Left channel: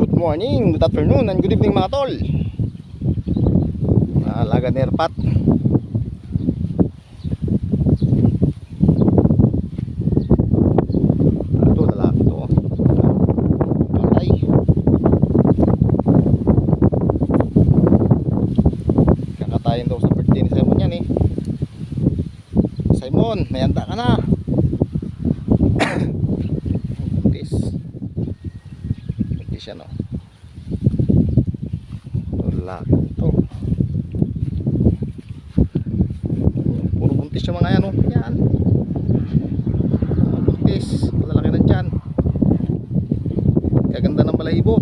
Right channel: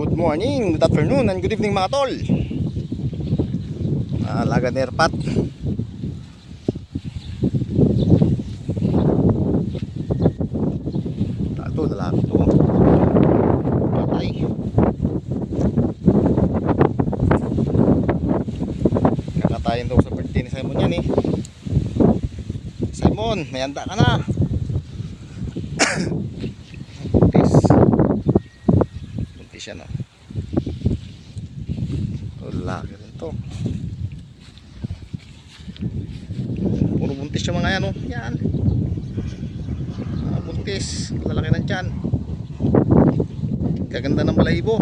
Good morning, good afternoon, and good evening mga tol. Alaga ni Erpat. Ito, lalaki ito. Patay. Kakatayin daw sa birthday ni Simon yan eh. Simon, may handa ka na. Buntis. Buntis yan oh. Lalaki ito. Puro buntis yung mga yan oh. Yan. Buntis. Lalaki ng tiyan. Kaganda ng balahibo.